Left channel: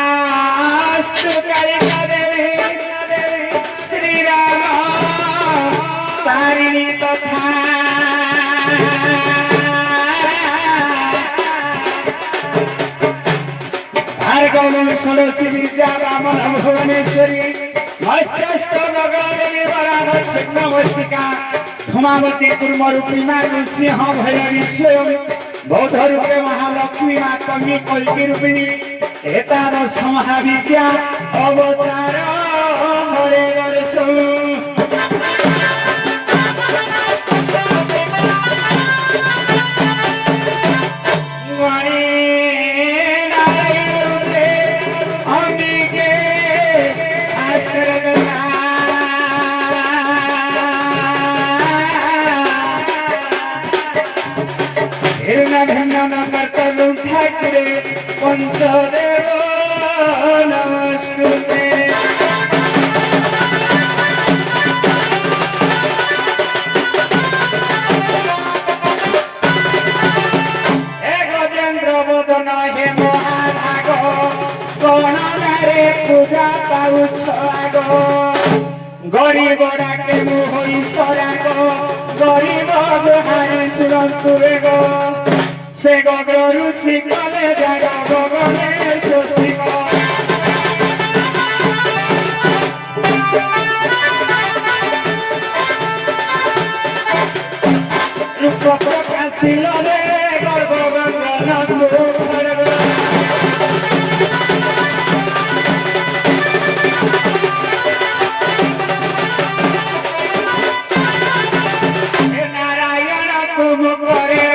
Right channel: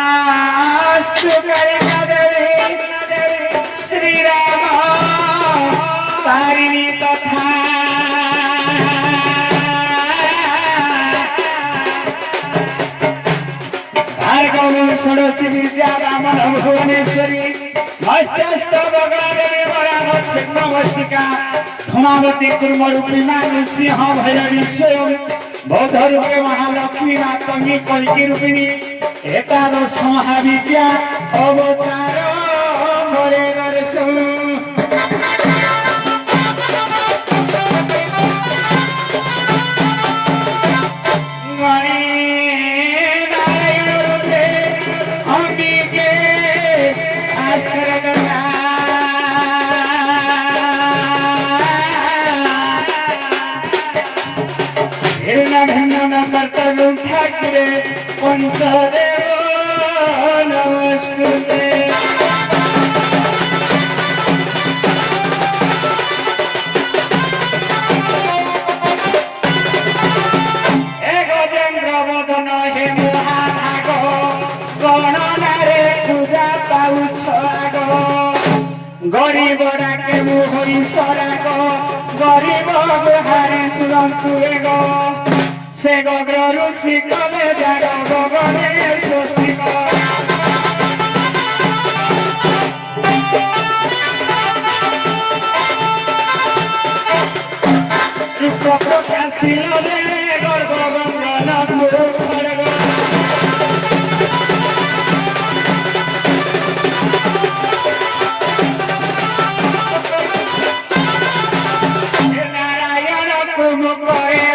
कृष्णास्तु कलिकदले श्रीराम स्तारिणी तथा भार्गवं षोडशी विद्या ब्राह्मण भुवनेश्वरी मत्स्यस्थ गगनदेवी वराहच्छिन्नमस्तिका धूमावती कुर्मरूपी मातु सिंह भैरवी स्वयं बौद्ध रूपे महालक्ष्मी मातंगी कल्की रूपिणी एतादश महाविद्या अवतार हरे नरसौ ठाकरे पंचदेव नमस्ते हे गजेन्द्र बदन हे महाभाग गणनारे पूजा पाउछ आग गरीब डाके मोहरी सराग गरीब बिहारी सुरन्तु बेग से गगरु शिखरे जग गगने स्वस्तिक रूप प्रकाशिल रे गर्भ गंगन मुखर नारायण कुम करे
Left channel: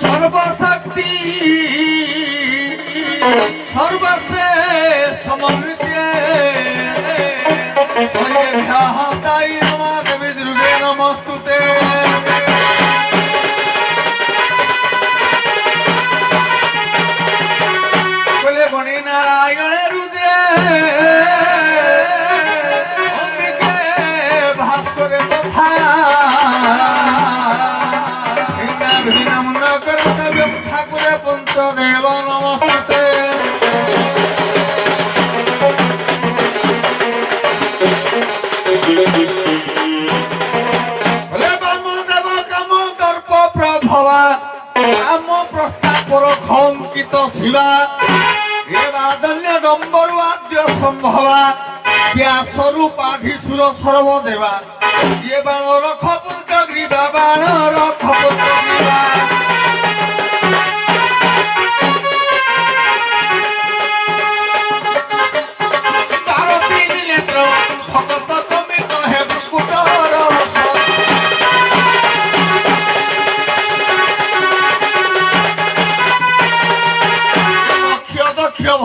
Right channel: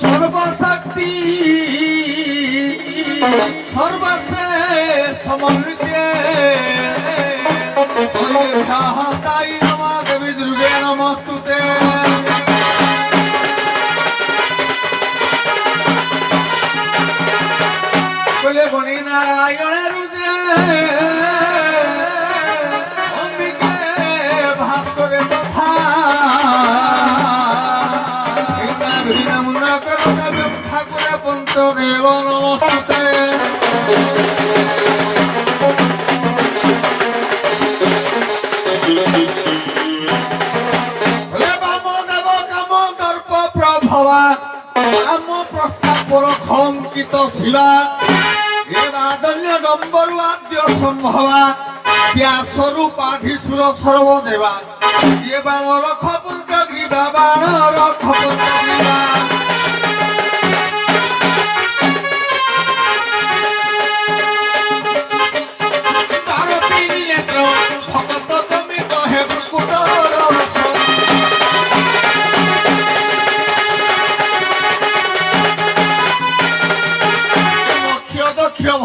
সর্বশক্তি সর্বশে সমন্বিতে তাই নমা দেবী দুর্গে নমস্তুতে বলে বনি নারায়ণ রুদ্রে অম্বিকে ভাস্করে কথা ঠাকুরে পঞ্চদেব নমস্তে বামদেব কাম দর্প প্রভবা কাম প্রস্তাব খঙ্কিত শিবা রাধন্য ডম্বরু আদ্য সম্ভবা ব্যাসরূপাধীসুর সর্বদেবা ইয়ে বাণ রখ পঞ্চগ্রীবা বাণ রখ পঞ্চগ্রীবা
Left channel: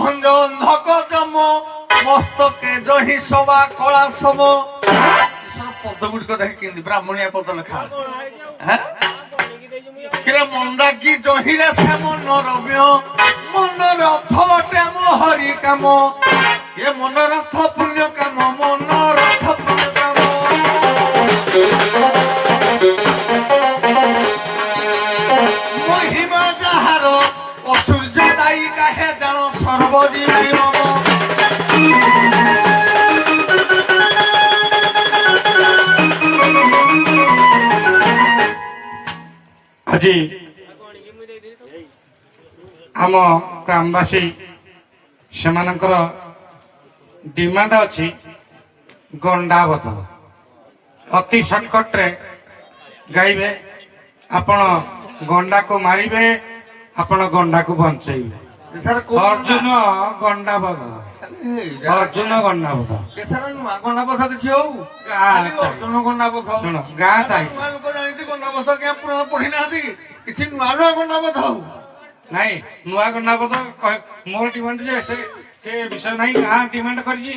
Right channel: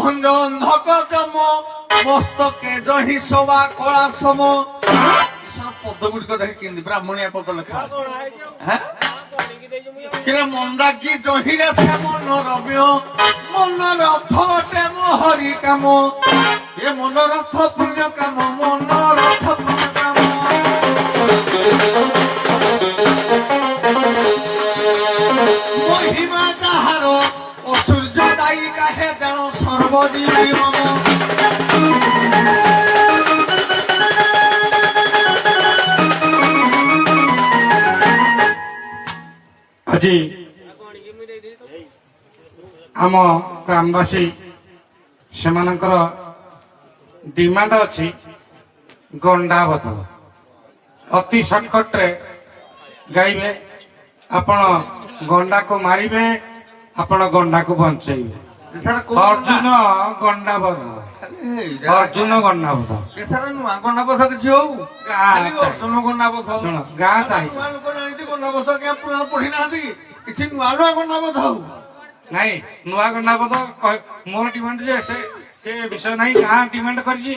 ভঙ্গ অন্ধক চম মস্তকে জহি সবা কলা সম পদ গুড়িক দেখি কেন্দ্র ব্রাহ্মণিয়া পদ লেখা হ্যাঁ মন্দাকি জহিরা শ্যাম নরম্য মনোরথ প্রেম হরি কাম এ মনোরথ পুণ্য কাম মনোরথ পুণ্য কাম মহিমা যাহার অসূর্য দায়ী কাহে জান সর্বজীবী মন আজি आम ग्रामवासी से डिमांड अच्छी गंडावध अति सर्टकट रे गाइबे आपण गंडा को मारिबे आपण गंडा को बंचेबे अर्जुन गंडावध अर्जुन गंडावध गंडावध किसी हो अर्जुन गंडावध सुन गाँ चाहिए गंडावध क्या पुराण पढ़ी ना किसी नुआ नुआ गंडावध हो नहीं नुआ गंडावध मोर डिमांड जे से विषय नहीं गाँ डिमांड करी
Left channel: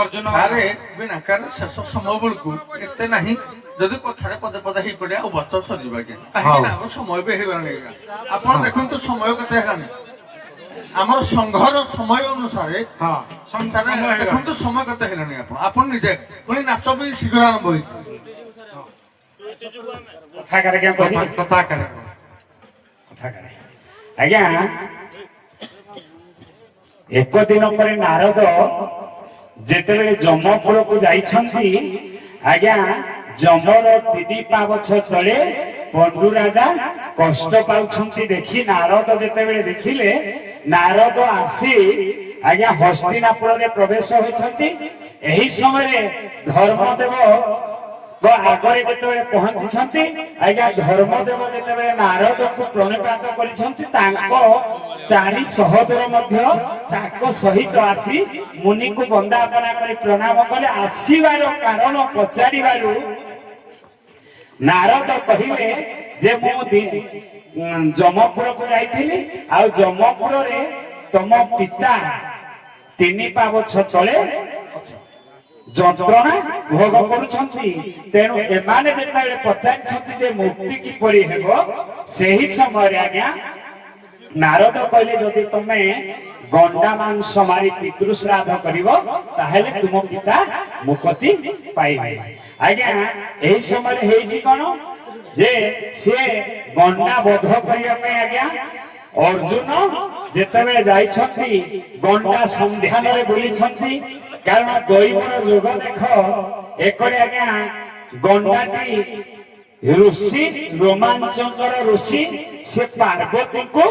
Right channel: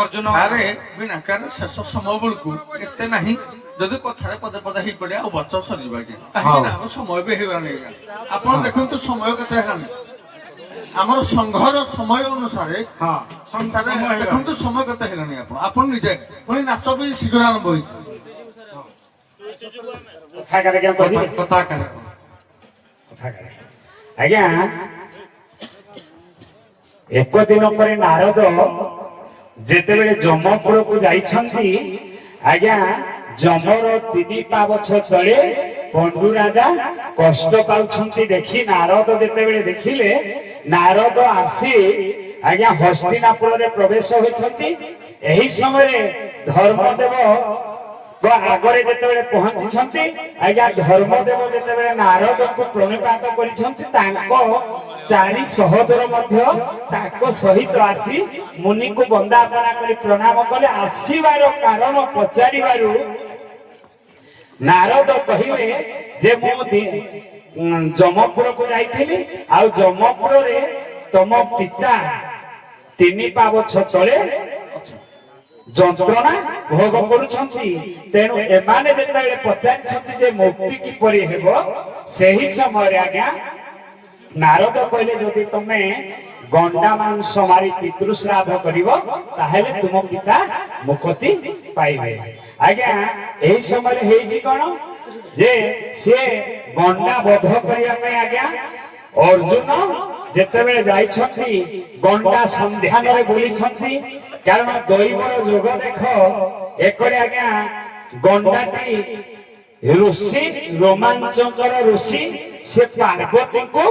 अर्जुन अरे बिना कर शेष समय बेलू एत ना जदि कथार पदे पदे ही पड़े आ बच्चा सरीबा के कहीं समय भी होगानी आप देखो समय केते आमर संघर समय अनुसार देखो समय केते आप निजे पुणी नाच भी शीघ्र आरंभ हो आज्ञा एक दिन पर नारद जेते जमपुर को जाइछंती आज्ञा जमर 3 पावछ तले पंडु राजा कष्ट पाउछंती देखि नारद जेते देखिले नारद आसी आज्ञा हस्तिनापुर रे प्रवेश होइछंती एही समय धर्मदेव आगरे जेते पहुंची आज्ञा धर्मदेव जेते नारद को प्रणिपात करिछंती तांको 4 सहोदर मध्य ताको सहित आसी मुनि को वंदापना करी प्रणाम कले आसीबार कारण पचारिबारु नारद कहिवे जे मो जमपुर को जाइथिली आ जमपुर रे तम पिता 3 पावछ तले ଯନ୍ତ୍ରଣା ଭୋଗ କରୁଛନ୍ତି। ତେଣୁ ଏମାନେ ଯେତେବେଳେ ପଚାରିଛନ୍ତି ଯେ ମୁକ୍ତି କିପରି ହେବ, ସେହି ସମୟରେ ଆଜ୍ଞା ନାରଦ କହିଲେ ଯଦି ତମେ ଗଣ୍ଡା ମାଂସ ମାରି ପିତୃ ଶ୍ରାଦ୍ଧ କରିବ ତାହେଲେ ତୁମ ପିତା ମୁକ୍ତି ପାଇବେ। ଆଜ୍ଞା ଏହି ସମୟରେ ହେଇଛି କଣ ଯେ ସେ ଗଣ୍ଡା ବଧ କରିବା ପାଇଁ ଆଜ୍ଞା ଅର୍ଜୁନ ଯେତେବେଳେ ଯାଇଛନ୍ତି ଗଣ୍ଡା ସନ୍ଧାନରେ ବୁଲିଛନ୍ତି। କାରଣ ଦୈବର ଯୁଗ ଦେଖ ଏକରେ ଆଜ୍ଞା ଗଣ୍ଡାଟି ଋଷି ରୋମାଞ୍ଚଙ୍କର ଋଷି ସେ ପାର୍ବତୀଙ୍କୁ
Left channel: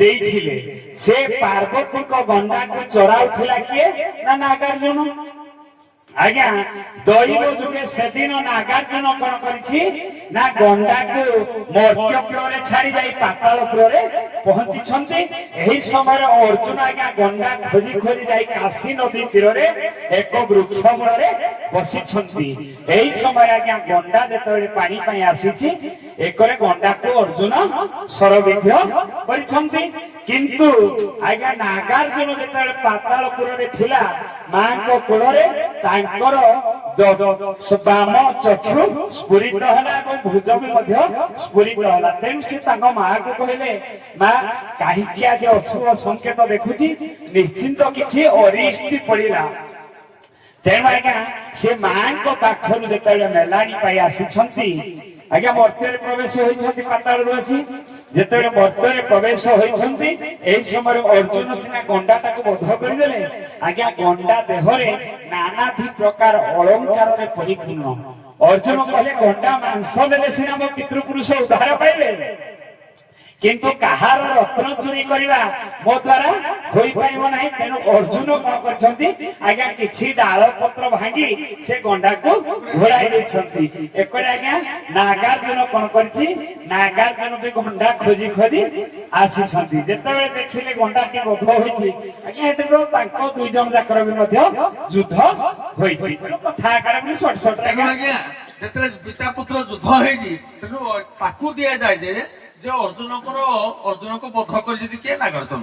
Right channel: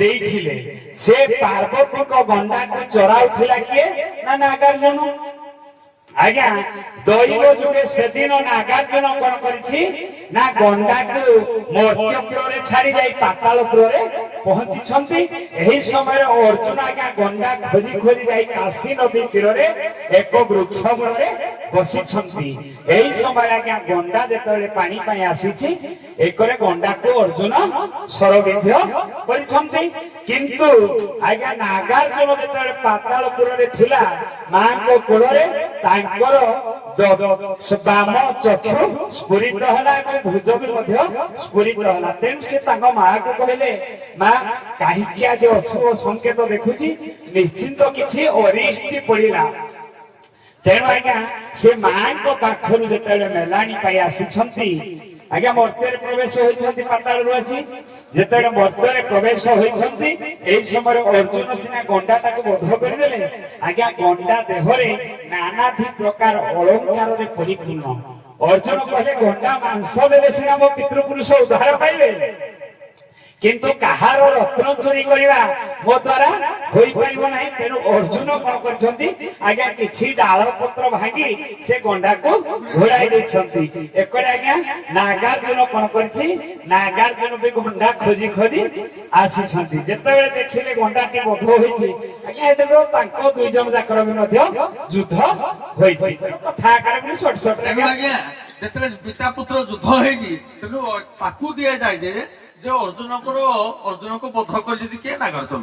ଦେଇଥିଲେ। ସେ ପାର୍ବତୀଙ୍କ ଗଣ୍ଡାକୁ ଚରାଉଥିଲା କିଏ ନା ନାଗାର୍ଜୁନ। ଆଜ୍ଞା ଦୈବ ଯୁଗେ ସେଦିନ ନାଗାର୍ଜୁନ କଣ କରିଛି ନା ଗଣ୍ଡାକୁ ମର୍ତ୍ତ୍ୟ ପୁରରେ ଛାଡି ଯାଇ ପାତାଳ ପୁରରେ ପହଞ୍ଚିଛନ୍ତି। ଏହି ସମୟରେ ଅର୍ଜୁନ ଆଜ୍ଞା ଗଣ୍ଡା ଖୋଜି ଖୋଜି ଯାଇ କାଶୀ ନଦୀ ତୀରରେ ଏକ ବୃକ୍ଷ ମୂଳରେ ବସିଛନ୍ତି। ଏହି ସମୟରେ ଆଜ୍ଞା ଗଣ୍ଡା ଯେତେବେଳେ ପାଣି ପାଇଁ ଆସିଛି ଏକରେ ଗଣ୍ଡାକୁ ଅର୍ଜୁନ ଶରବିଦ୍ଧ କରିଛନ୍ତି। କିନ୍ତୁ ଆଜ୍ଞା ନାଗାର୍ଜୁନ ଯେତେବେଳେ ପାତାଳ ପୁରରେ ଥିଲା ମାଙ୍କ କୋଳରେ ତାଙ୍କର ବାମ ଚକ୍ଷୁ ସ୍ଫୁରିତ ହେଲା ଏବଂ ଭୁଜ ବି ମଧ୍ୟ ସ୍ଫୁରିତ ହେଲା। ତେଣୁ ସେ ତାଙ୍କ ମାକୁ କହିଲେ ମା କାହିଁକି ଆଜି ଅଶୁଭ ସଂକେତ ଦେଖୁଛି, ନିଶ୍ଚିନ୍ତ କିଛି ଅରିଷ୍ଟି ପଡିଲା। ତେଣୁ ଆଜ୍ଞା ସେ ମାଙ୍କ ପାଖରୁ ଯେତେବେଳେ ମେଲାଣି ପାଇ ଆସିଛନ୍ତି ଆଜ୍ଞା ମର୍ତ୍ତ୍ୟରେ ପ୍ରବେଶ ହୋଇଛନ୍ତି ପାତାଳରୁ ଆସି ଯେତେବେଳେ ମର୍ତ୍ତ୍ୟରେ ପ୍ରବେଶ ହୋଇଛନ୍ତି ଏହି ସମୟରେ ଅର୍ଜୁନ ସିନା ଗଣ୍ଡାଟାକୁ ବଧ କରିଦେଲେ ଆଜ୍ଞା ଗଣ୍ଡା ଦେହରେ ନାନାଦି ପ୍ରକାର ଅଳଙ୍କାରରେ ପରିପୂର୍ଣ୍ଣ। ଅର୍ଜୁନ କହିଲେ ଗଣ୍ଡା ମାଂସ ଦେଲେ ସିନା ମୋ ପିତୃପୁରୁଷ ଉଦ୍ଧାର ପାଇବେ, କିନ୍ତୁ କାହାର ରତ୍ନ ଚୋରି କରିବା ମୋ ଦ୍ୱାରା ହୋଇପାରିବ ନାହିଁ। ତେଣୁ ଅର୍ଜୁନ କଣ କରିଛନ୍ତି ଆଜ୍ଞା କିଛି ଡାଳ ପତ୍ର ଭାଙ୍ଗି ସେ ଗଣ୍ଡାକୁ ଘୋଡାଇ ଦେଇଛନ୍ତି। ଏକରେ ଆଜ୍ଞା ନାଗାର୍ଜୁନ କଣ କରିଛି ନାଗାର୍ଜୁନ ବି ଗଣ୍ଡା ଖୋଜି ଖୋଜି ଆସିଛନ୍ତି। ଯେତେବେଳେ ଦେଖିଲେ ଗଣ୍ଡାଟି ବଧ ହୋଇଛି ଆଜ୍ଞା ଏଠି ତ ତାଙ୍କ ଦୁଇ ଜଣ ଯାକର ବି ମଧ୍ୟ ଯୁଦ୍ଧ ହୋଇଛି। ତେଣୁ କଥା ଆକାର ବି ସଟ ସଟ ଆଜ୍ଞା ଯେତେବେଳେ ପିତା ପୁତ୍ର ଯୁଦ୍ଧ ହେଇଛି ତେଣୁ ତାକୁ ଦିଆଯାଏ ଯେ ଅର୍ଜୁନକୁ ବଧ କରିଛନ୍ତି କିଏ ନାଗାର୍ଜୁନ।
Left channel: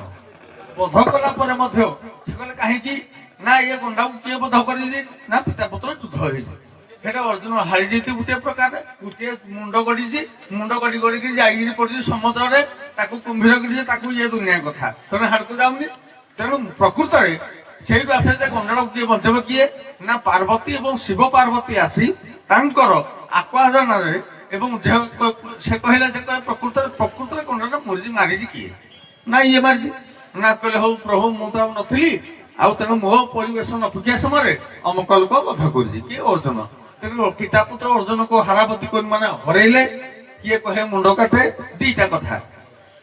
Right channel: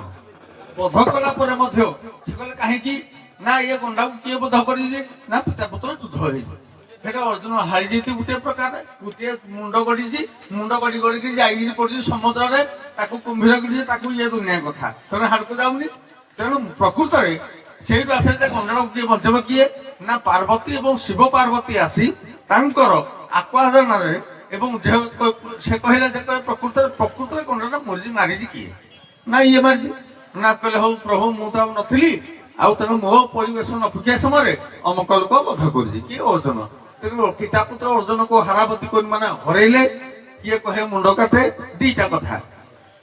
ବଧ କଲା ପରେ ମଧ୍ୟ ସେ କହିଲେ କାହିଁକି ନା ଇଏ ଗଣ୍ଡାକୁ କିଏ ବଧ କରିଛି ନା ପିତା ପୁତ୍ର ଯୁଦ୍ଧ ହେଇଛି। ସେଟା ଅର୍ଜୁନ ହାରି ଯାଇଛି ଗୋଟିଏ ପ୍ରକାର, ଗୋଟିଏ ମୁଣ୍ଡ ଗଡିଛି, ମୁଣ୍ଡ ଗଡି ଗଡିକି ଯାଇକି ପଡିଛି ସମୁଦ୍ରରେ, ତାକୁ କୁମ୍ଭୀର ଗଡିଛି, ତାକୁ ଇଏ ଦୁନିଆ କଥା ତେଣୁ ହାଡକୁ ଯାଉନି। ତେଣୁ ପ୍ରକୃତରେ ସେଇଠୁ ଆସେ ଯେ ଗଣ୍ଡାକୁ କିଏ ବଞ୍ଚେଇବ କିଏ ନା ପାର୍ବତୀ ଏବଂ ଶିବ ପାର୍ବତୀ ଆସି ତାଙ୍କର ଆକ୍ୱାଜନରେ ଏବଂ ସେ କହିଲା ଯେ ପ୍ରକୃତରେ ଗଣ୍ଡାଟା ମାରିଛି କିଏ ନା ଇଏ ମାରିଛି ନା କହିଲେ ହଉ ପ୍ରଭୁ ମୁଁ ତ ଆଉ ନଥିଲି ଆଉ ତେଣୁ ମୋ ପରିବେଶ ନ ଫୁକିଆ ସମୟରେ ଅମକ ଲୋକ ବଧ କରିଛି କିଏ ଅର୍ଜୁନ। ତେଣୁ ପିତା ପୁତ୍ର ଅର୍ଜୁନକୁ ହାରାବତୀ କରି ମାନେ ହରେଇଲେ, କିଏ କହେ ମୁଣ୍ଡ କାଟେ, ଦିଟା କଥା।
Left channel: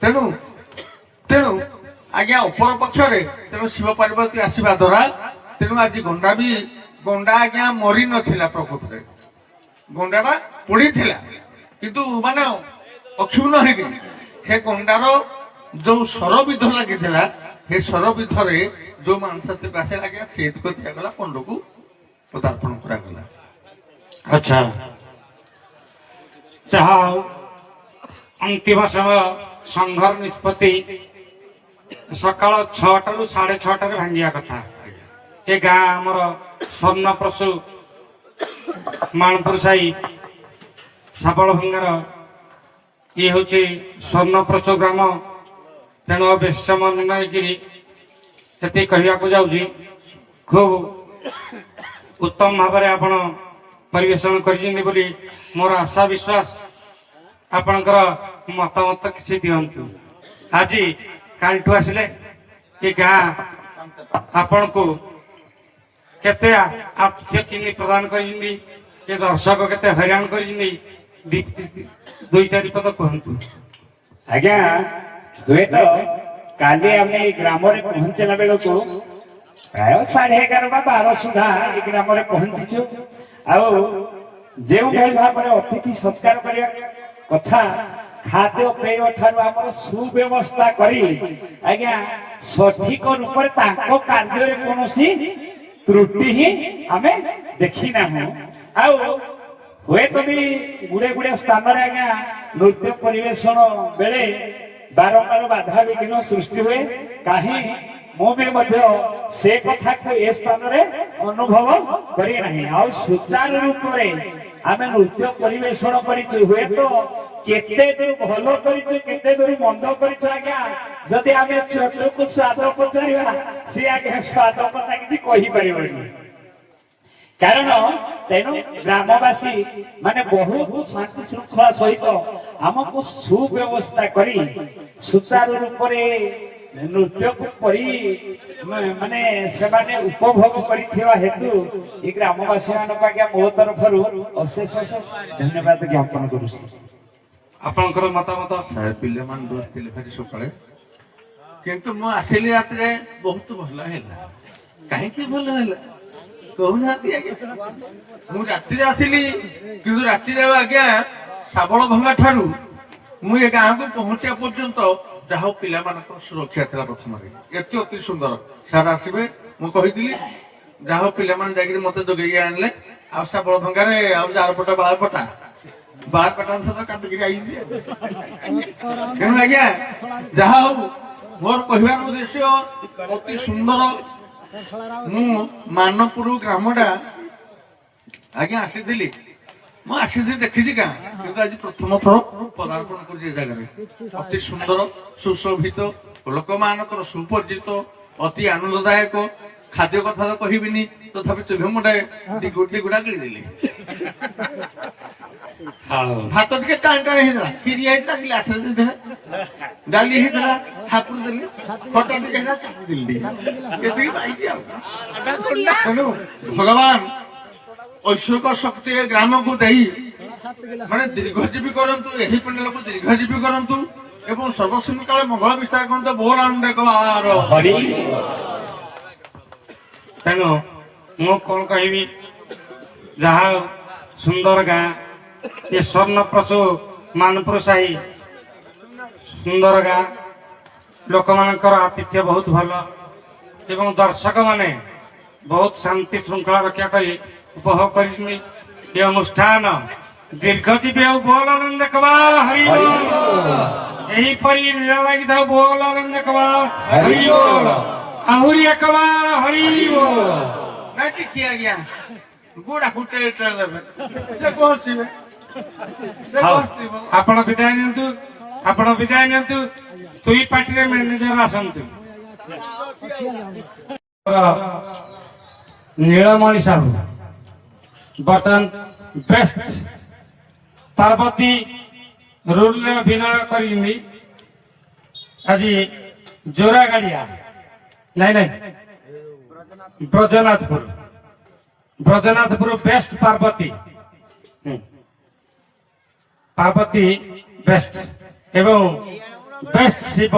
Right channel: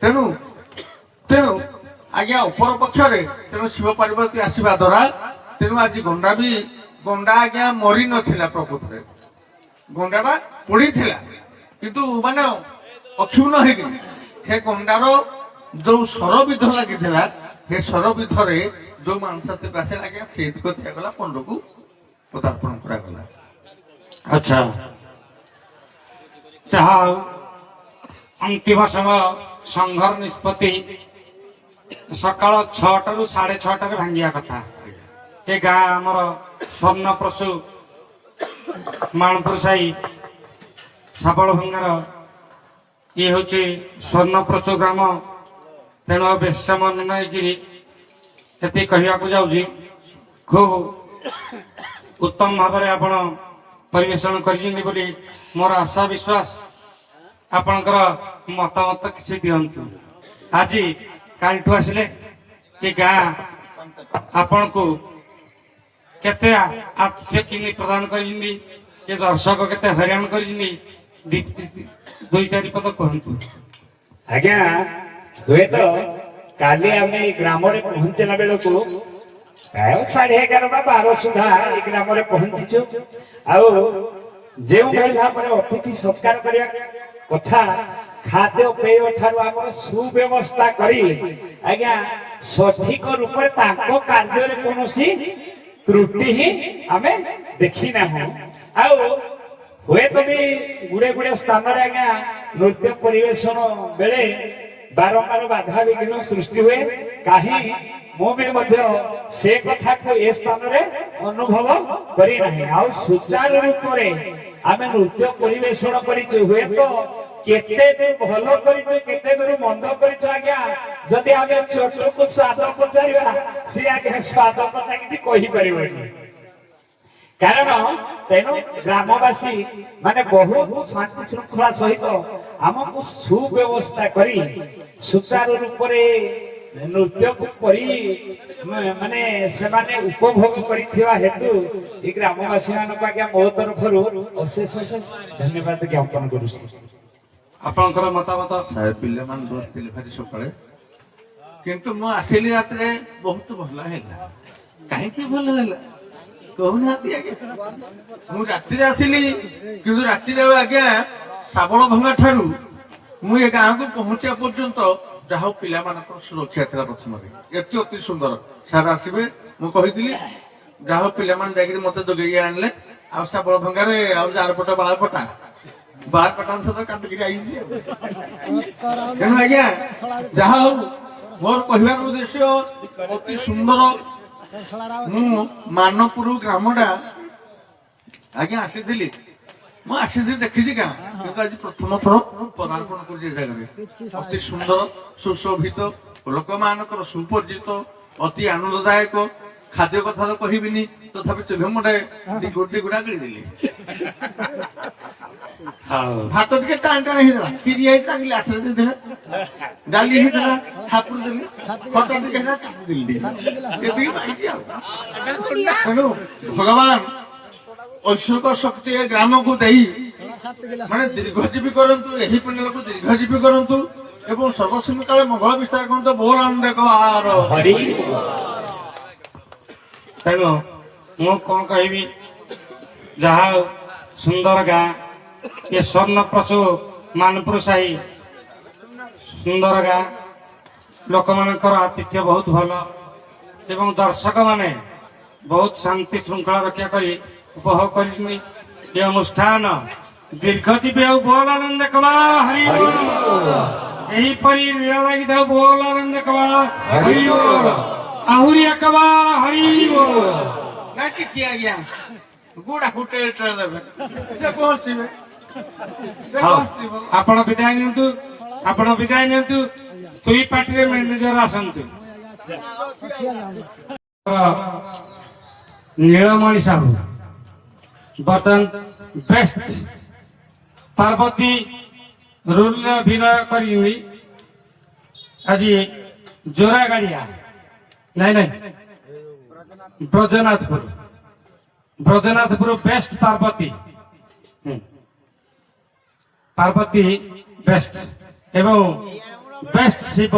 ତେଣୁ ତେଣୁ ଆଜ୍ଞା ଉପର ପକ୍ଷରେ ତେଣୁ ଶିବ ପାର୍ବତୀ ଆସିବା ଦ୍ୱାରା ତେଣୁ ଆଜି ଗଣ୍ଡା ଆଜ୍ଞା ମରି ନଥିଲା, ପ୍ରକୃତରେ ଗଣ୍ଡାଟା ପଡିଥିଲା କିନ୍ତୁ ମାନେ ଅକ୍ଷୁଣ୍ଣ ହେଇକି ସେ ଗଣ୍ଡାର ଯୋଉ ଶରବିଧ ଲାଗିଥିଲା ସେ ଶରବିଧରେ ଯୋଉ ମାଂସଟିକୁ ଆସେ ଆଜ୍ଞା ସେଇତିକ ଦିଆଗଲା ପଣ୍ଡକୁ ପଦାର୍ପଣ କରାଗଲା। ଆଚ୍ଛା ଯାହା ଅନ୍ତିମ ସମୟ ସଂଘର ନିଷ୍ପତ୍ତି ସକାଳ 6ଟାରୁ 6:30ରେ ଭାଙ୍ଗିବା କଥା। ଏ ଗାଁ ଆମର ସ୍ୱର୍ଣ୍ଣପ୍ରସୁ ମାଣପୁର ସାହି ଶାବଳ ଭଙ୍ଗାର ଇଏ ହଉଛି ସ୍ୱର୍ଣ୍ଣପ୍ରସୁ ଗ୍ରାମ। ତେଣୁ ବେଶ ମନେ ନେଇକିରି ସେତିକି କହିବାକୁ ଯାଉଛି। ଖୁବ ଉତ୍ତମ ଭାବରେ ଆପଣ ପରିବେଷଣ କରିଛନ୍ତି ବୋଲି ମୋର ଆଶା ବିଶ୍ୱାସ। ଆପଣଙ୍କର ମତାମତ କିଛି ଦିଅନ୍ତୁ। ଆଜି କାଲିଠୁ ଆସିଲେ ଏ ଗାଁ ଆପଣଙ୍କୁ କେତେ ଆତିଥ୍ୟ କେମିତି ପ୍ରଦାନ କରିଛନ୍ତି, ଏ ଦର୍ଶକ କେତେ ହଇରାଣ କରିଛନ୍ତି, ଦୁଇ ଚାରି ପଦ କୁହନ୍ତୁ। ଆଜ୍ଞା ହୁଏତ କାଲି ଆମେ ଏଇ ଗ୍ରାମରେ ପହଞ୍ଚିଲା ବେଳକୁ ପ୍ରାୟ 11:30 ବା 12 ସୁଦ୍ଧା ଏଇ ଗ୍ରାମରେ ପହଞ୍ଚିଛୁ। ଆଉ ଯେଉଁଭଳି ଭାବରେ ଅତିଥି ସତ୍କାର କରିବା କଥା ଖାଦ୍ୟ ପେୟ ଠାରୁ ଆମର ସୁବ୍ୟବସ୍ଥା କରି ଆଜ୍ଞା ସଠିକ ରୂପରେ ତାଙ୍କ କାର୍ଯ୍ୟରେ କୌଣସି ତ୍ରୁଟି ହିଁ ଆମେ ଦେଖି ନାହୁଁ। ଆଉ ହୁଏତ ବି ଗୁଡେ ସ୍ଥାନରେ ଆଜ୍ଞା ନୃତ୍ୟ ପରିବେଷଣ ବେଳେ ବାରମ୍ବାର ବାଧା ବିଘ୍ନ ସୃଷ୍ଟି ହୁଏ। କାହିଁ ମୁଁ ବି ମଧ୍ୟ ସେ କଥାକୁ ଏ ସ୍ଥାନରେ ଅନୁଭବ କରିନାହିଁ। ଆଉ ସୁଚାରୁ ରୂପରେ ଆମେ ନୃତ୍ୟ ପରିବେଷଣ କରିଛୁ। ହୁଏତ କେତେ ଦୂର ଭଲ କରିଛୁ, କେତେ ଦୂର ମନ୍ଦ କରିଛୁ ଆଜ୍ଞା, ଯଦି ଆମେ ଛୋଟକୁ ସ୍ୱାଦ ପଚାରିବା ସିଏ ଆଜ୍ଞା ସ୍ୱାଦ କଥା କିଛି କହିପାରିବନି। କାରଣ ତେଣୁ ଗ୍ରାମବାସୀ ମାନେ ବହୁତ ଶାନ୍ତି ଶୃଙ୍ଖଳା ସହିତ ଆମକୁ ସୁବ୍ୟବସ୍ଥା କରି ସୁଚାରୁ ରୂପରେ ନୃତ୍ୟକୁ କରି ମାନେ ସେମାନେ ଉପଭୋଗ କରିଥିବା ହେତୁ ଏ ଗ୍ରାମବାସୀ ମାନଙ୍କୁ ଆଜ୍ଞା ମୋ ତରଫରୁ ଅଶେଷ ଅଶେଷ ଧନ୍ୟବାଦ ଜ୍ଞାପନ କରୁଛି। ଆପଣଙ୍କର ମତାମତ? ପିଲାମାନେ ବସିଥିଲେ ଭାରି ସକାଳେ, କିନ୍ତୁ ମୁଁ ଆସିଲି ରାତିରେ ବହୁତ ଭଲ ହେଲା। କାହିଁକି ଭଲ ହେଲା କହୁନାହାନ୍ତି ଆଜ୍ଞା? ମୁଁ ରାତିରେ ଆସିଲି, କିନ୍ତୁ ରାତିରେ ଆଜ୍ଞା ଶାବଳ ଭଙ୍ଗା ଠାରୁ ମୁଁ ଏ ଗାଁକୁ ପହଞ୍ଚିବା ପର୍ଯ୍ୟନ୍ତ ଯାହା ହଉ ପିଲାମାନଙ୍କର ସୁରକ୍ଷା ଥିଲା ପ୍ରଥମରେ। ଏତେ ଅତି ସୁନ୍ଦର ସାର୍ ଆସିବେ ମୁଁ କହିଥିଲି, ଯାହା ହଉ ପିଲାମାନେ ଯାଇକିରି ମତେ ଯୋଗେଇ ଆଣିଲେ। ଆଉ ଶାବଳ ଭଙ୍ଗାରେ ଆଉ ଜାରପଟା ବାଳପଟା ସହିତ କାଟିକିରି ଆଇଛି। ତେଣୁ ଆଜ୍ଞା ଯାହା ହଉ ମୋର କହିବାର ଉଦ୍ଦେଶ୍ୟ ଅତି ସୁନ୍ଦର। ମୁଁ ମାନପୁର ଗ୍ରାମଟା ଆଜ୍ଞା ଆସିଥିଲି, ମୁଁ ଆସିଥିଲି ଦେଖିଛି ଗାଁ, କିନ୍ତୁ ଆଜି ପ୍ରଥମ ଥର ପଦାର୍ପଣ କରୁଛି ଏ ଜାଗାରେ। ଅତି ସୁନ୍ଦର ସୁଶୋଭିତ, ଲୋକମାନଙ୍କର ସୁପରିଚିତ, ଅତି ଆନନ୍ଦଦାୟକ। ଖାଦ୍ୟ କଥା ତ କହିବିନି, ତଥାପି ଚୁଲି ମୁଣ୍ଡାଏ ଦିଗୁଡା କିଣିଦେଲି। ଭାତ ଟିକେ ଟାଣ ଟାଣ ହେଇଥିଲା, କ୍ଷୀରି ହେଇଥିଲା, ଗ୍ଲାସରେ ଦେଇଥିଲା, ଡାଲି ହେଇଥିଲା, ହାପୁର ଦେଲି, ଖଟା ଟିକେ ହେଲା, ଚାପି ଦେଲି, ଏତିକି ପାଇଛି ଆଉ। ତେଣୁ ଭଗବାନ ଐଶ୍ୱରିକ ଶକ୍ତି ଏ ଗ୍ରାମକୁ ଦେଇ ମାନେ ଦୀର୍ଘଜୀବୀ କରନ୍ତୁ, ଏହି ପଣ୍ଡାଲକୁ ଦୀର୍ଘଜୀବୀ କରନ୍ତୁ ଏବଂ ସର୍ବସିଂହ କାଳେ ମଙ୍ଗଳ ବିସ୍ତାର କରନ୍ତୁ। ବୋଲ ଆନନ୍ଦ କାର। ତେଣୁ ମୁଁ କଣ କହିବି, ଯାହା ହଉ ସୁନ୍ଦର ଗାଁ, ଏ ସ୍ୱର୍ଣ୍ଣପ୍ରସୁ ମାନପୁର ସାହି ସୁନ୍ଦର ଗାଁ, ଲୋକମାନଙ୍କର ଆତିଥ୍ୟ ବହୁତ ଭଲ ଏବଂ ଦର୍ଶକ ମାନେ ବହୁତ ଶାନ୍ତି ଶୃଙ୍ଖଳା ରକ୍ଷା କରି ଉପଭୋଗ କରିଛନ୍ତି ଏ ଅନୁଷ୍ଠାନ। ଦୀର୍ଘଜୀବୀ ଆଉ ବୋଲ ଆନନ୍ଦ କବା ହରି ବୋଲ। ଏହିପରି ଲୀଳା ଲାଗିଥାଉ ବୋଲ ଆନନ୍ଦ କବା ହରି ବୋଲ। ଆହୁରି ଏକବା ହରି ବୋଲ। ନାଇଁ ଟିକେ ଆଜ୍ଞା ଗୁଡା ଫୁଟେ ଦେବେ, ସେ ପହଞ୍ଚିବେ। ଆପଣ ବିଦାୟ ନିଅନ୍ତୁ, ଆପଣ ବିଦାୟ ନିଅନ୍ତୁ। ଦୁଇ ପାର୍ଟିରେ ମ୍ୟାନେଜର ଆସନ୍ତୁ। ନୀଳମଣି ସାହୁ ବର୍ତ୍ତମାନ ବେଷ୍ଟ ପାର୍ବତୀ ରୋଲରେ ଅଭିନୟ କରିଛନ୍ତି। ଆଜି ଜୋରା ଗାଡିଆ ନାଇଁ ନାଇଁ ବ୍ରଜନାଥପୁର ବେଷ୍ଟ ପାର୍ବତୀ ବେଷ୍ଟ ଏବଂ ବେଷ୍ଟ ଶିବ